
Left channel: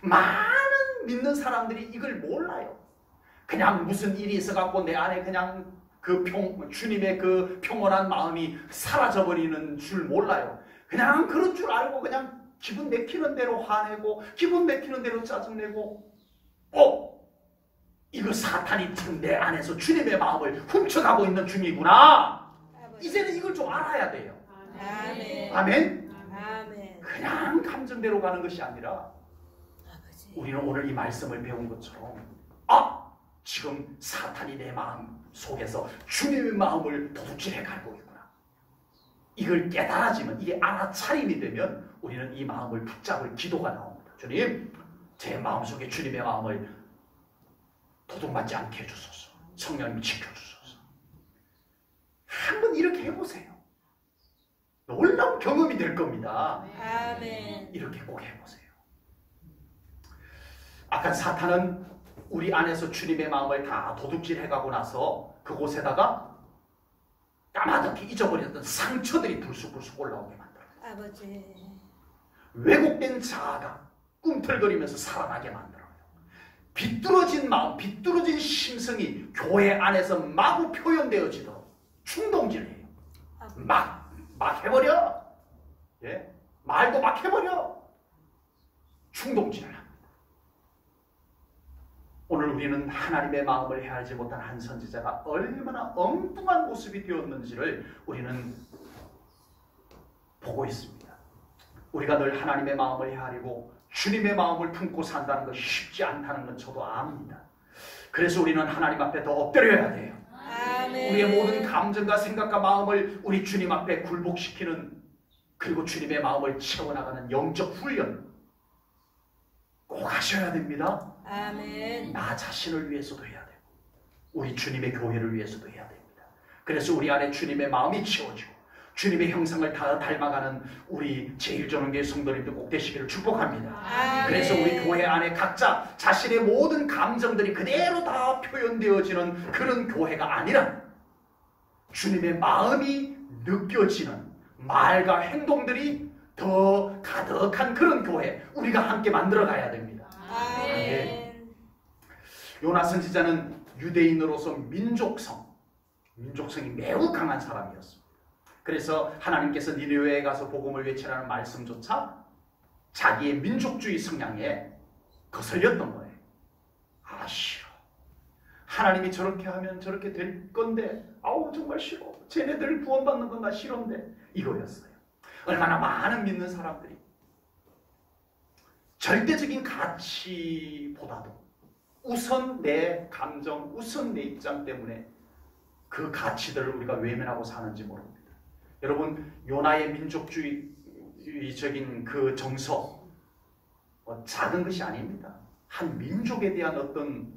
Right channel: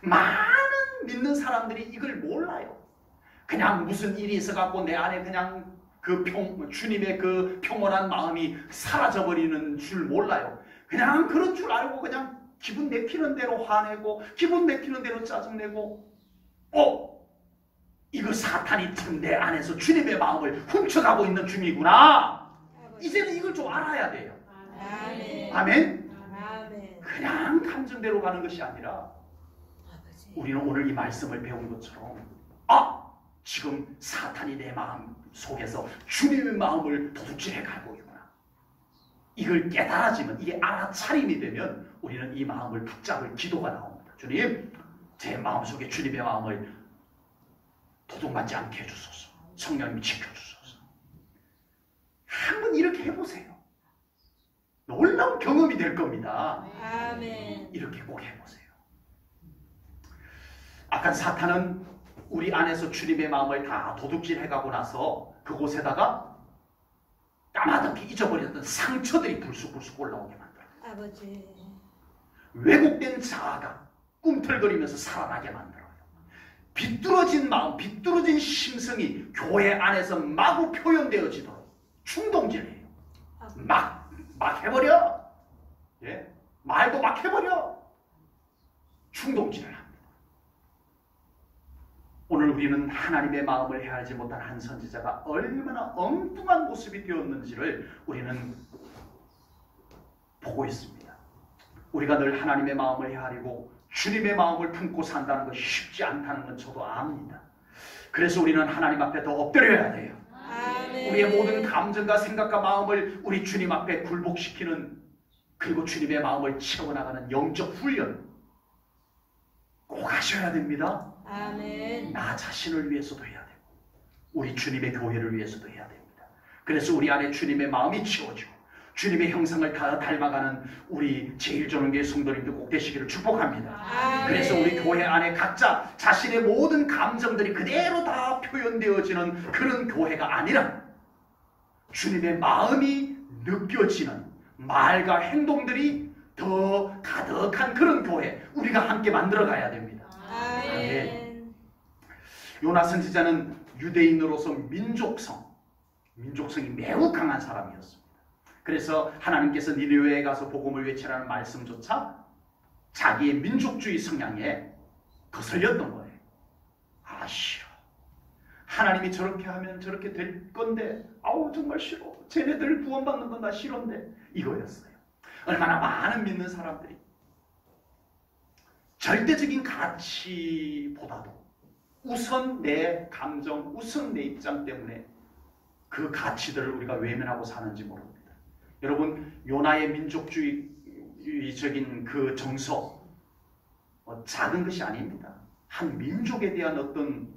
많은 믿는 사람들이 이걸 몰라요. 그냥 무슨 일이 있어갖고 내 안에 그냥 주님의 그 평온한 마음이 사라져버리는 줄 몰라요. 그냥 그런 줄 알고 그냥 기분 내키는 대로 화내고 기분 내키는 대로 짜증내고 이거 사탄이 내 안에서 주님의 마음을 훔쳐가고 있는 중이구나. 아버지. 이제는 이걸 좀 알아야 돼요. 아멘. 아멘. 아멘. 그냥 감정대로 가는 것이 아니라 아버지. 우리는 오늘 이 말씀을 배운 것처럼 지금 사탄이 내 마음 속에서 주님의 마음을 도둑질해 가고 있구나. 이걸 깨달아지면, 이게 알아차림이 되면 우리는 이 마음을 붙잡을 기도가 나옵니다. 주님, 제 마음속에 주님의 마음을 도둑맞지 않게 해주소서. 성령님 지켜주소서. 한번 이렇게 해보세요. 놀라운 경험이 될 겁니다. 아멘. 이렇게 꼭 해보세요. 악한 사탄은 우리 안에서 주님의 마음을 다 도둑질해가고 나서 그곳에다가 까마득히 잊어버렸던 상처들이 불쑥불쑥 올라오게 만들어요. 아버지. 왜곡된 자아가 꿈틀거리면서 살아나게 만들어요. 비뚤어진 마음, 비뚤어진 심성이 교회 안에서 마구 표현되어지도록 충동질해요. 막 해버려. 예? 말도 막 해버려. 충동질을 합니다. 오늘 우리는 하나님의 마음을 헤아리지 못한 한 선지자가 얼마나 엉뚱한 모습이 되었는지를 우리는 보고 있습니다. 우리가 늘 하나님의 마음을 헤아리고 주님의 마음을 품고 산다는 것이 쉽지 않다는 건 저도 압니다. 그래서 우리는 하나님 앞에 더 엎드려야 돼요. 아멘. 우리의 모든 감정과 생각과 마음을 우리 주님 앞에 굴복시키는, 그리고 주님의 마음을 채워나가는 영적 훈련 꼭 하셔야 됩니다. 아멘. 나 자신을 위해서도 해야 되고 우리 주님의 교회를 위해서도 해야 됩니다. 그래서 우리 안에 주님의 마음이 채워지고 주님의 형상을 다 닮아가는 우리 제1전원교회 성도님들 꼭 되시기를 축복합니다. 아멘. 그래서 우리 교회 안에 각자 자신의 모든 감정들이 그대로 다 표현되어지는 그런 교회가 아니라 주님의 마음이 느껴지는 말과 행동들이 더 가득한 그런 교회 우리가 함께 만들어 가야 됩니다. 아멘. 요나 선지자는 유대인으로서 민족성이 매우 강한 사람이었습니다. 그래서 하나님께서 니느웨에 가서 복음을 외치라는 말씀조차 자기의 민족주의 성향에 거슬렸던 거예요. 아, 싫어. 하나님이 저렇게 하면 저렇게 될 건데 아우 정말 싫어. 쟤네들 구원받는 건 나 싫은데 이거였어요. 얼마나 많은 믿는 사람들이 절대적인 가치보다도 우선 내 감정, 우선 내 입장 때문에 그 가치들을 우리가 외면하고 사는지 모릅니다. 여러분, 요나의 민족주의적인 그 정서 작은 것이 아닙니다. 한 민족에 대한 어떤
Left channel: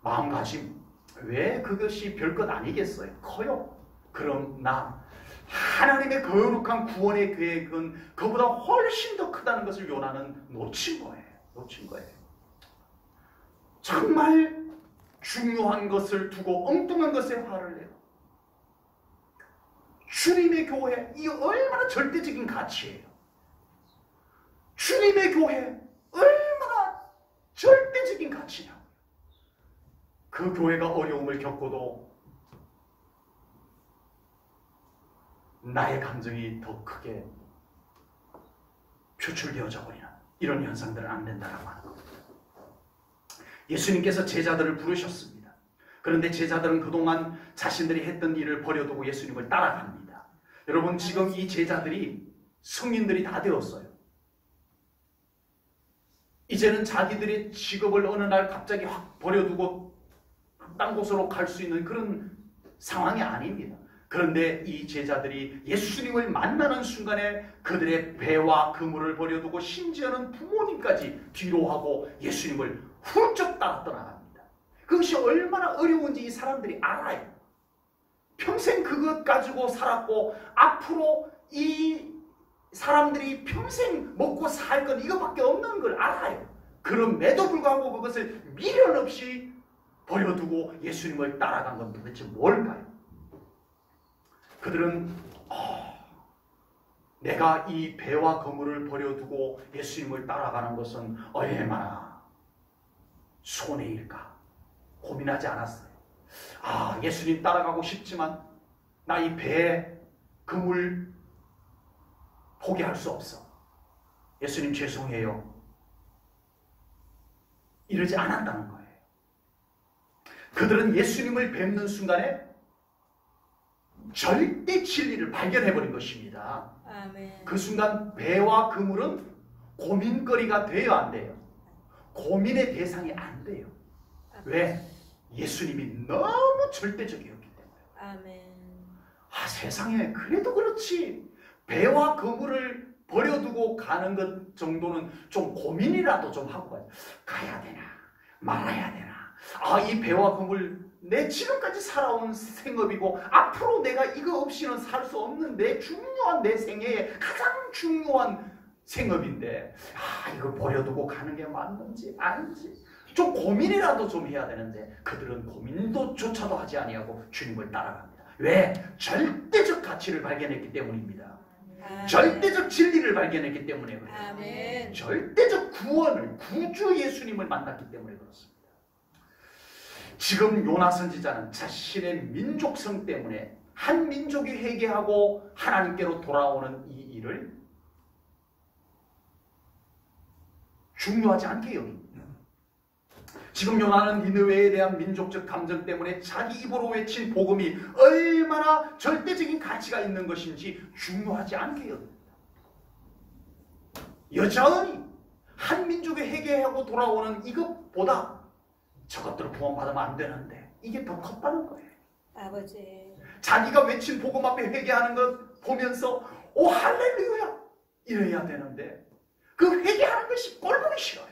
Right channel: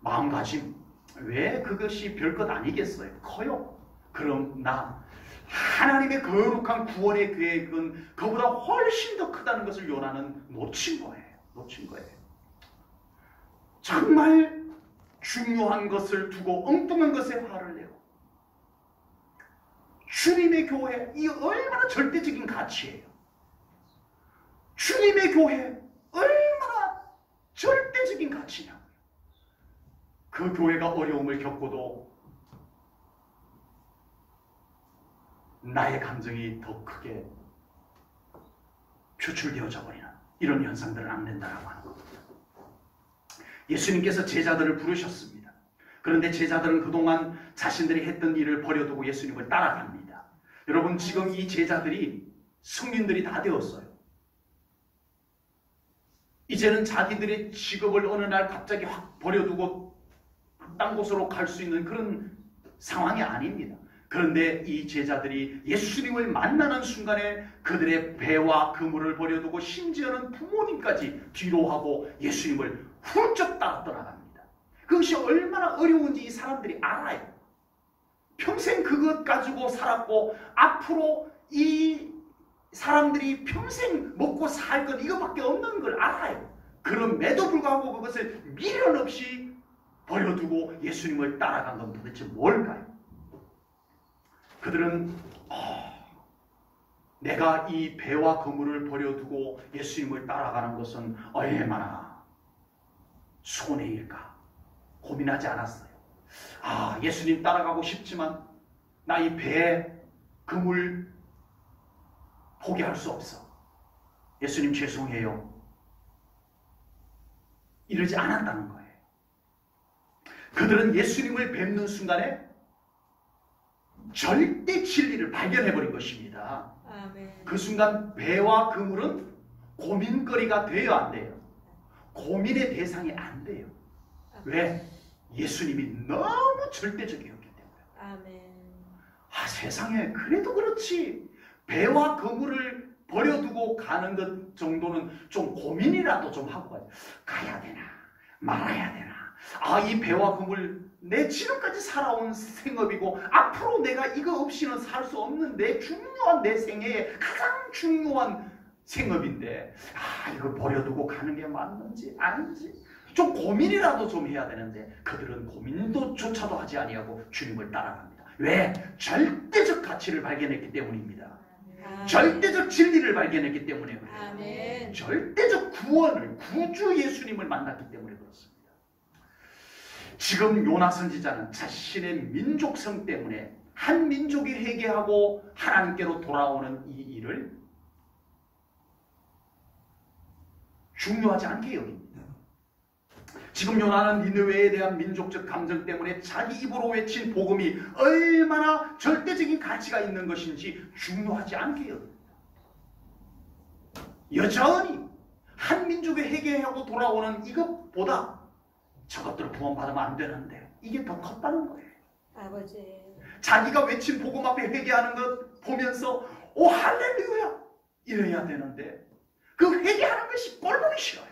마음가짐, 왜 그것이 별것 아니겠어요? 커요. 그러나 하나님의 거룩한 구원의 계획은 그보다 훨씬 더 크다는 것을 요나는 놓친 거예요. 정말 중요한 것을 두고 엉뚱한 것에 화를 내고, 주님의 교회, 이 얼마나 절대적인 가치예요. 주님의 교회 얼마나 절대적인 가치냐. 그 교회가 어려움을 겪고도 나의 감정이 더 크게 표출되어져 버리는 이런 현상들은 안 된다라고 하는 겁니다. 예수님께서 제자들을 부르셨습니다. 그런데 제자들은 그동안 자신들이 했던 일을 버려두고 예수님을 따라갑니다. 여러분, 지금 이 제자들이 성인들이 다 되었어요. 이제는 자기들의 직업을 어느 날 갑자기 확 버려두고 딴 곳으로 갈 수 있는 그런 상황이 아닙니다. 그런데 이 제자들이 예수님을 만나는 순간에 그들의 배와 그물을 버려두고 심지어는 부모님까지 뒤로 하고 예수님을 훌쩍 따라 떠나갑니다. 그것이 얼마나 어려운지 이 사람들이 알아요. 평생 그것 가지고 살았고 앞으로 이 사람들이 평생 먹고 살 것 이거밖에 없는 걸 알아요. 그럼에도 불구하고 그것을 미련 없이 버려두고 예수님을 따라간 건 도대체 뭘까요? 그들은 내가 이 배와 그물을 버려두고 예수님을 따라가는 것은 얼마나 손해일까 고민하지 않았어요. 예수님 따라가고 싶지만 나 이 배, 그물 포기할 수 없어. 예수님 죄송해요. 이러지 않았다는 거예요. 그들은 예수님을 뵙는 순간에 절대 진리를 발견해버린 것입니다. 아멘. 그 순간 배와 그물은 고민거리가 돼요, 안 돼요? 고민의 대상이 안 돼요. 왜? 예수님이 너무 절대적이었기 때문에. 아멘. 세상에 그래도 그렇지. 배와 그물을 버려두고 가는 것 정도는 좀 고민이라도 좀 하고 가야 되나 말아야 되나. 이 배와 그물 내 지금까지 살아온 생업이고 앞으로 내가 이거 없이는 살 수 없는 내 생애의 가장 중요한 생업인데 이거 버려두고 가는 게 맞는지 아닌지 좀 고민이라도 좀 해야 되는데 그들은 고민조차도 하지 아니하고 주님을 따라갑니다. 왜? 절대적 가치를 발견했기 때문입니다. 아멘. 절대적 진리를 발견했기 때문에 그래요. 아멘. 절대적 구원을, 구주 예수님을 만났기 때문에 그렇습니다. 지금 요나 선지자는 자신의 민족성 때문에 한 민족이 회개하고 하나님께로 돌아오는 이 일을 중요하지 않게 여깁니다. 지금 요나는 니느웨에 대한 민족적 감정 때문에 자기 입으로 외친 복음이 얼마나 절대적인 가치가 있는 것인지 중요하지 않게 여깁니다. 여전히 한 민족이 회개하고 돌아오는 이것보다 저것들을 구원받으면 안 되는데 이게 더 컸다는 거예요. 아버지. 자기가 외친 복음 앞에 회개하는 것 보면서 오 할렐루야 이래야 되는데 그 회개하는 것이 꼴보기 싫어요.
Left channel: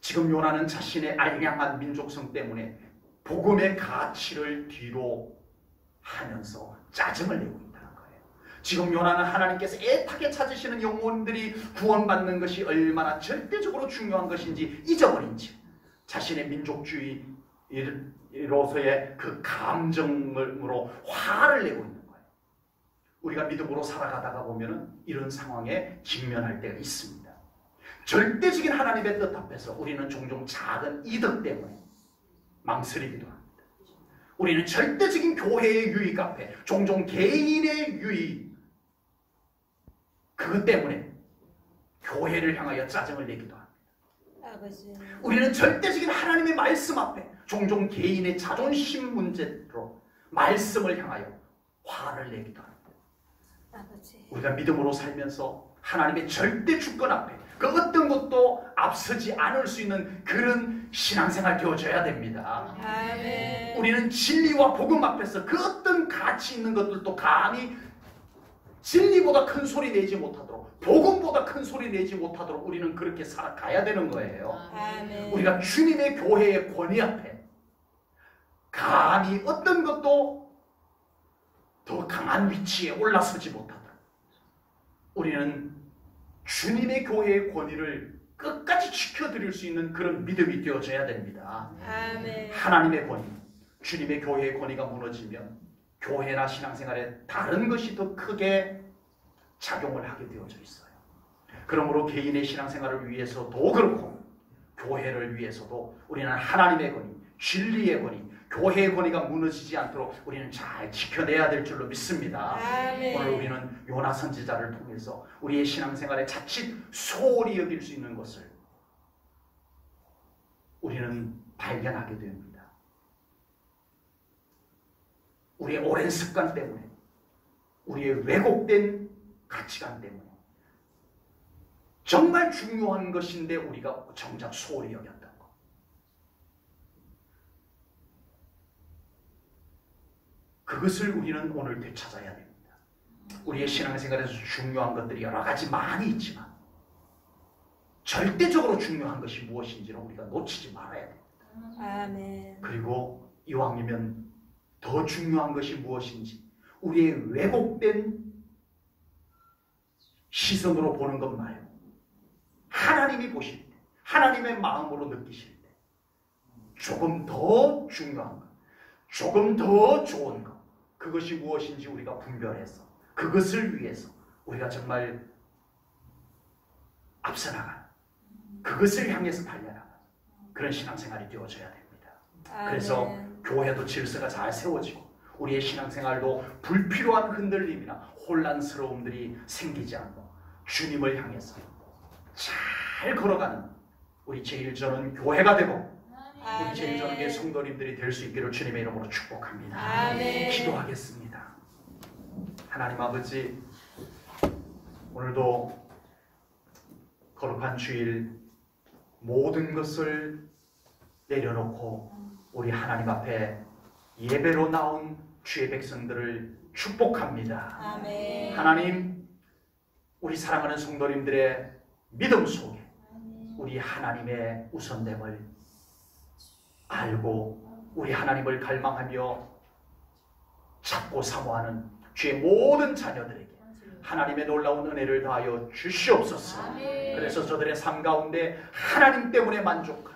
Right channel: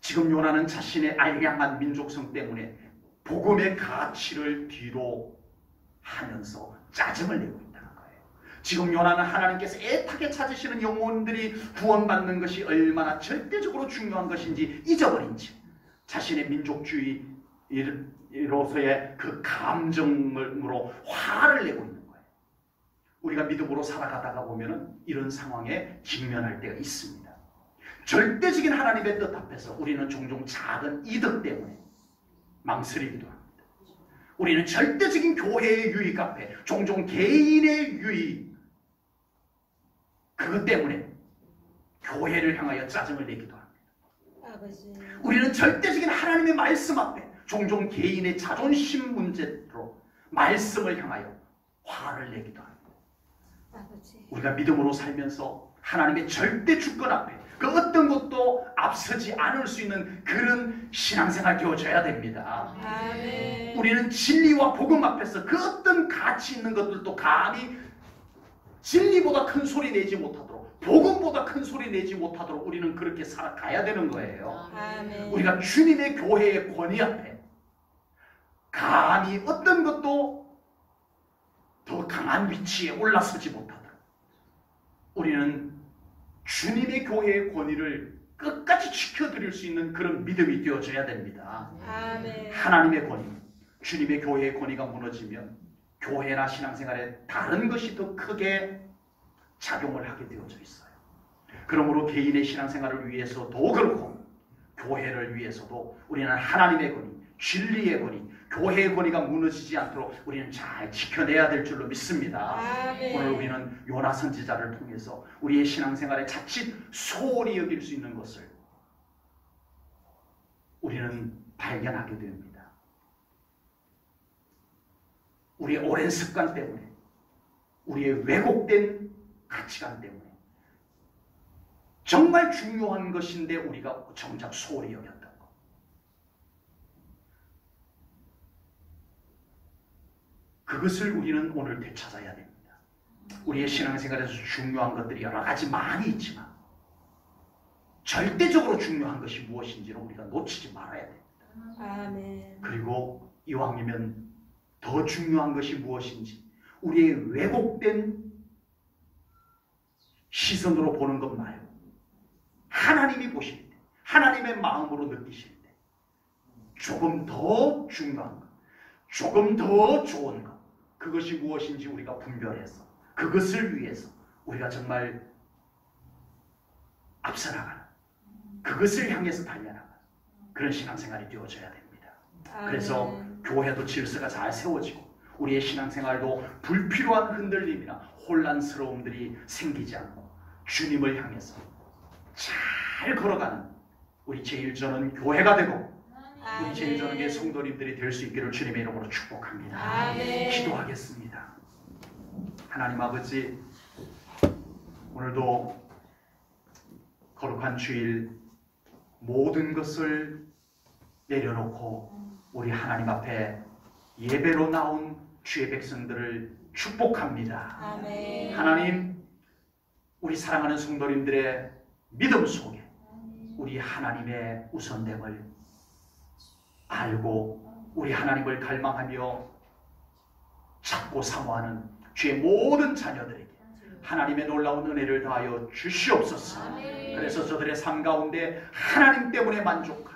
지금 요나는 자신의 알량한 민족성 때문에 복음의 가치를 뒤로 하면서 짜증을 내고 있다는 거예요. 지금 요나는 하나님께서 애타게 찾으시는 영혼들이 구원받는 것이 얼마나 절대적으로 중요한 것인지 잊어버린 채 자신의 민족주의로서의 그 감정으로 화를 내고 있는 거예요. 우리가 믿음으로 살아가다가 보면 이런 상황에 직면할 때가 있습니다. 절대적인 하나님의 뜻 앞에서 우리는 종종 작은 이득 때문에 망설이기도 합니다. 우리는 절대적인 교회의 유익 앞에 종종 개인의 유익 그것 때문에 교회를 향하여 짜증을 내기도 합니다. 아버지. 우리는 절대적인 하나님의 말씀 앞에 종종 개인의 자존심 문제로 말씀을 향하여 화를 내기도 합니다. 아버지. 우리가 믿음으로 살면서 하나님의 절대 주권 앞에 그 어떤 것도 앞서지 않을 수 있는 그런 신앙생활 되어줘야 됩니다. 아멘. 우리는 진리와 복음 앞에서 그 어떤 가치 있는 것들도 감히 진리보다 큰 소리 내지 못하도록 복음보다 큰 소리 내지 못하도록 우리는 그렇게 살아가야 되는 거예요. 아멘. 우리가 주님의 교회의 권위 앞에 감히 어떤 것도 더 강한 위치에 올라서지 못하도록 우리는 주님의 교회의 권위를 끝까지 지켜드릴 수 있는 그런 믿음이 되어져야 됩니다. 아멘. 하나님의 권위, 주님의 교회의 권위가 무너지면 교회나 신앙생활에 다른 것이 더 크게 작용을 하게 되어져 있어요. 그러므로 개인의 신앙생활을 위해서도 그렇고 교회를 위해서도 우리는 하나님의 권위, 진리의 권위, 교회의 권위가 무너지지 않도록 우리는 잘 지켜내야 될 줄로 믿습니다. 아멘. 오늘 우리는 요나 선지자를 통해서 우리의 신앙생활에 자칫 소홀히 여길 수 있는 것을 우리는 발견하게 됩니다. 우리의 오랜 습관 때문에, 우리의 왜곡된 가치관 때문에 정말 중요한 것인데 우리가 정작 소홀히 여겼다는 것. 그것을 우리는 오늘 되찾아야 됩니다. 우리의 신앙생활에서 중요한 것들이 여러 가지 많이 있지만 절대적으로 중요한 것이 무엇인지를 우리가 놓치지 말아야 됩니다. 아멘. 그리고 이왕이면 더 중요한 것이 무엇인지 우리의 왜곡된 시선으로 보는 것 말고 하나님이 보실 때, 하나님의 마음으로 느끼실 때 조금 더 중요한 것, 조금 더 좋은 것, 그것이 무엇인지 우리가 분별해서 그것을 위해서 우리가 정말 앞서 나가는, 그것을 향해서 달려나가는 그런 신앙생활이 되어져야 됩니다. 그래서 교회도 질서가 잘 세워지고 우리의 신앙생활도 불필요한 흔들림이나 혼란스러움들이 생기지 않고 주님을 향해서 잘 걸어가는 우리 제일전은 교회가 되고 우리 제일전의 성도님들이 될 수 있기를 주님의 이름으로 축복합니다. 아멘. 기도하겠습니다. 하나님 아버지, 오늘도 거룩한 주일 모든 것을 내려놓고 우리 하나님 앞에 예배로 나온 주의 백성들을 축복합니다. 아멘. 하나님, 우리 사랑하는 성도님들의 믿음 속에 우리 하나님의 우선됨을 알고 우리 하나님을 갈망하며 찾고 사모하는 주의 모든 자녀들에게 하나님의 놀라운 은혜를 다하여 주시옵소서. 아멘. 그래서 저들의 삶 가운데 하나님 때문에 만족한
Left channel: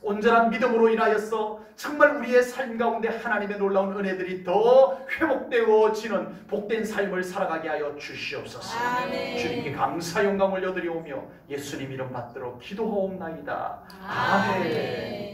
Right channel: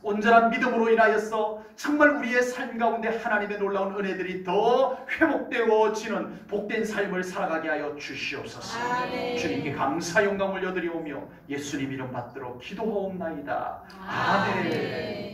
온전한 믿음으로 인하여서 정말 우리의 삶 가운데 하나님의 놀라운 은혜들이 더 회복되어지는 복된 삶을 살아가게 하여 주시옵소서. 아멘. 주님께 감사 영광을 올려드리오며 예수님 이름 받들어 기도하옵나이다. 아멘.